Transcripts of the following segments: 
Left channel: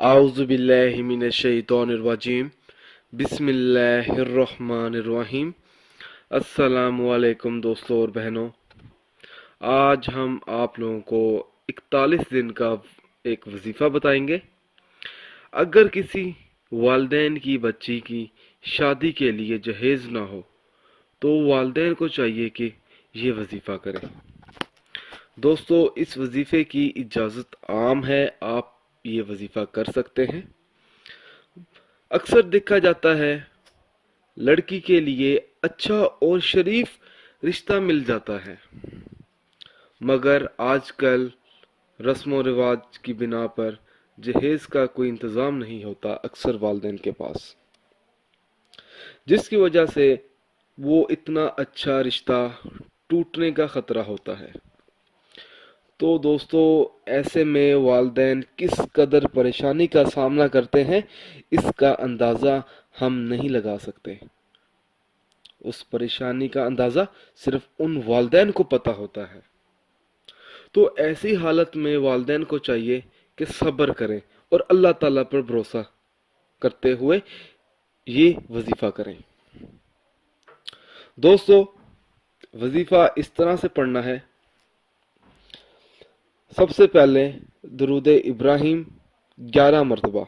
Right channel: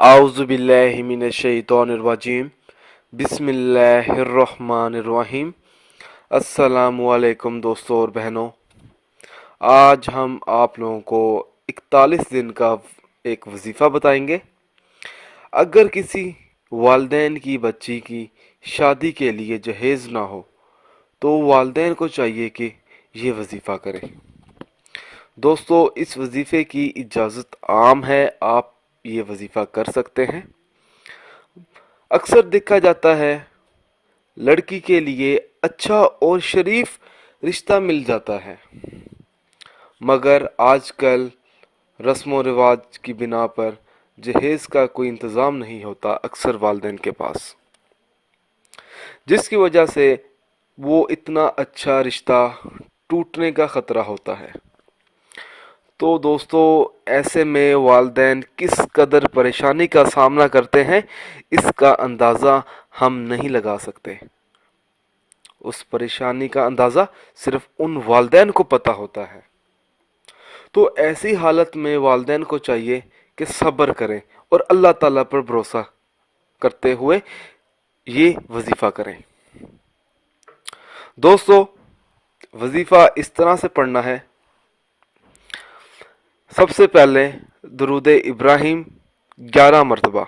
आउज़ु बिल्लाहि मिनश्शैतानिर्रजीम बिस्मिल्लाहिर्रहमानिर्रहीम। अस्सलामु अलैकुम दोस्तों और बहनों, आज हम आप लोगों को 41 दिन का एक वजीफ़ा बताएंगे। अगर किसी वालिदैन की बच्ची की शादी के लिए जहेज़ ना हो तो वालिदैन को चाहिए कि ये वजीफ़ा करें। दोस्तों, इस वजीफ़े की इजाज़त आम है, आप ये वजीफ़ा कर सकते हैं। अक्सर देखा जाता है लड़की के लिए अच्छा और शरीफ रिश्ता मिल जाता है, मगर आजकल रस्म व रिवाज की बिना पर जहेज़ का कोई इंतज़ाम नहीं होता अक्सर वालिदैन के पास, जिसकी वजह से वो इतना अच्छा रिश्ता टूटने का ख़तरा होता है। तो दोस्तों, ऐसे में वालिदैन किस कदर परेशानी का सामना करते हैं इसका अंदाज़ा हम नहीं लगा सकते। उस परेशानी का अंदाज़ा सिर्फ उन वालिदैन को पता होता है। तो ऐसी हालत में वालिदैन को चाहिए कि सब्र करें और अल्लाह ताला पर भरोसा करते हुए ये वजीफ़ा करें। दोस्तों, वजीफ़ा इस तरह से पढ़ना है। सबसे पहले दरूद इब्राहिम 11 मरतबा,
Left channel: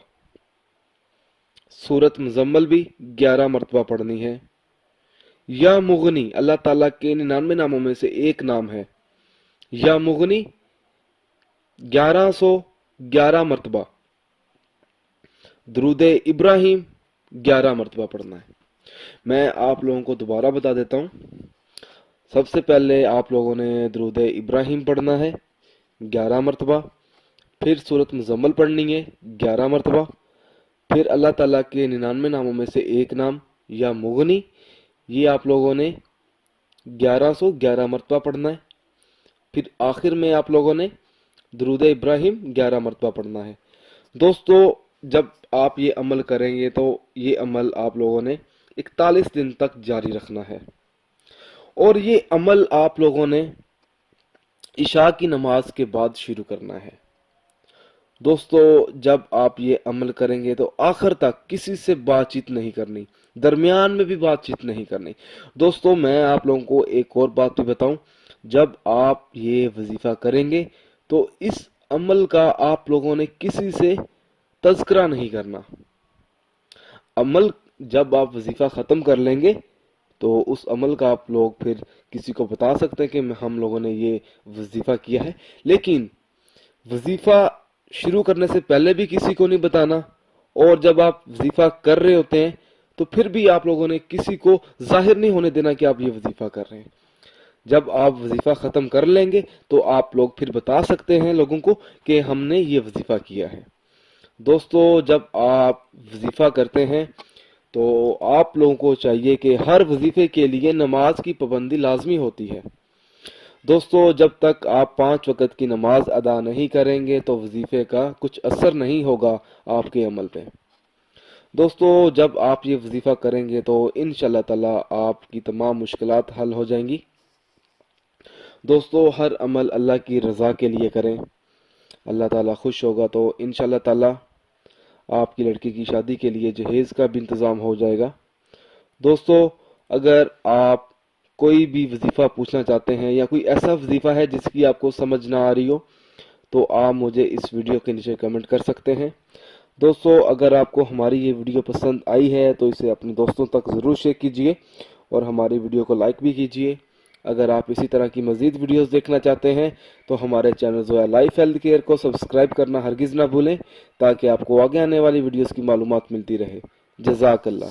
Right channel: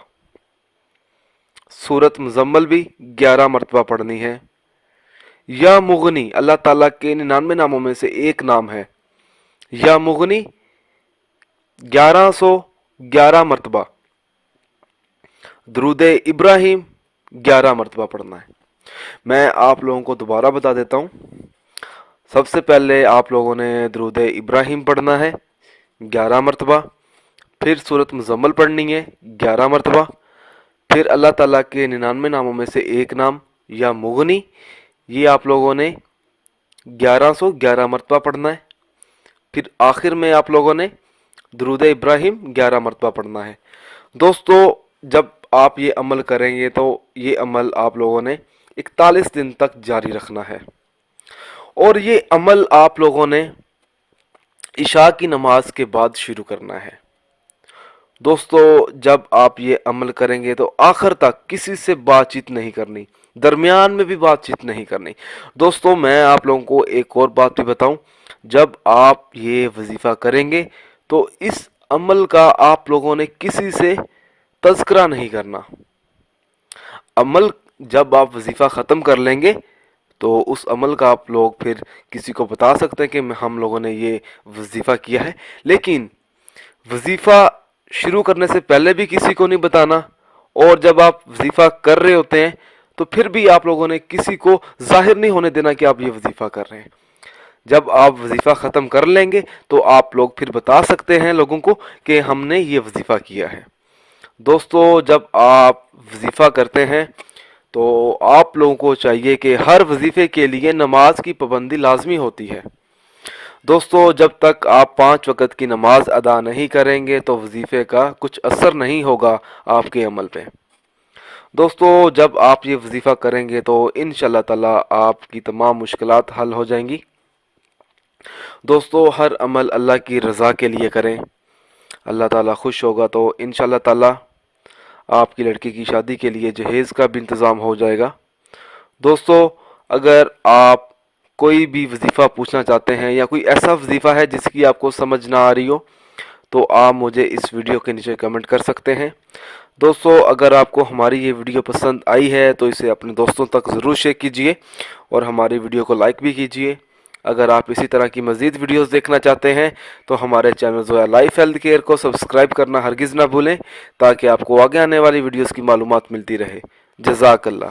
सूरत मुज़म्मल भी 11 मरतबा पढ़नी है। या मुगनी अल्लाह ताला के 99 नामों में से एक नाम है। या मुगनी 1111 मरतबा, दरूद इब्राहिम 11 मरतबा पढ़ना है। मैं आप लोगों को दोबारा बता देता हूँ। सबसे पहले आप लोगों ने दरूद इब्राहिम पढ़ना है 11 मरतबा, फिर सूरत मुज़म्मल पढ़नी है 11 मरतबा, फिर अल्लाह ताला के 99 नामों में से एक नाम या मुगनी, ये आप लोगों ने 1111 मरतबा पढ़ना है। फिर आखिर में आप लोगों ने दरूद इब्राहिम 11 मरतबा पढ़ना है। दोस्तों, जब आप ये अमल करेंगे तो ये अमल आप लोगों ने 41 दिन तक जारी रखना है, और ये अमल आप लोगों ने इशा की नमाज के बाद शुरू करना है। दोस्तों, जब आप ये अमल करेंगे तो आखिर तक किसी से बातचीत नहीं करनी, दरमियान में भी बातचीत नहीं करनी। दोस्तों, मैं आप लोगों को एक और बात भी बताऊं, जब आप ये वजीफ़ा करेंगे तो इस अमल का आप लोगों ने किसी से तज़किरा नहीं करना। अमल जब आप वजीफ़ा ख़त्म कर लेंगे तो उस अमल का आप लोग फिर किसी को बता सकते हैं कि हम लोगों ने ये वजीफ़ा किया है, लेकिन वजीफ़ा शुरू करने से पहले भी किसी को नहीं बताना, और जब आप वजीफ़ा कर रहे होते हैं तो फिर भी आप लोगों ने किसी को जाहिर नहीं होने देना कि आप ये वजीफ़ा कर रहे हैं। जब आप वजीफ़ा ख़त्म कर लेंगे तो आप लोग फिर बता सकते हैं लोगों को कि हमने ये वजीफ़ा किया है। दोस्तों, जब आप वजीफ़ा करते हैं तो आप लोगों को चाहिए कि हर वजीफ़े के लिए नमाज की पाबंदी लाजमी होती है। दोस्तों, जब तक आप 5 वक़्त की नमाज अदा नहीं करेंगे तो वजीफ़े का कुछ असर नहीं होगा आपके अमल पे। दोस्तों, जब आप ये वजीफ़ा करेंगे तो इंशाअल्लाह ताला आपकी तमाम मुश्किलात हल हो जाएंगी। दोस्तों, हर अमल अल्लाह की रज़ा के लिए करें, अल्लाह ताला खुश होगा तो इंशाअल्लाह ताला आपकी लड़की की शादी के लिए जहेज़ का भी इंतज़ाम हो जाएगा। दोस्तों, अगर आप कोई भी वजीफ़ा पूछना चाहते हैं या कोई ऐसा वजीफ़ा है जिसकी आपको समझ ना आ रही हो तो आप मुझे इस वीडियो के नीचे कमेंट कर सकते हैं। दोस्तों, अगर आपको हमारी ये वीडियो पसंद आई है तो इसे अपने दोस्तों तक ज़रूर शेयर कीजिए और हमारी वीडियो को लाइक भी कीजिए। अगर आप इसी तरह की मज़ीद वीडियोस देखना चाहते हैं तो हमारे channel Zoya life health care को सब्सक्राइब करना हरगिज़ ना भूलें, ताकि आपको आगे आने वाली वीडियोस की मालूमात मिलती रहे। जज़ाकल्लाह।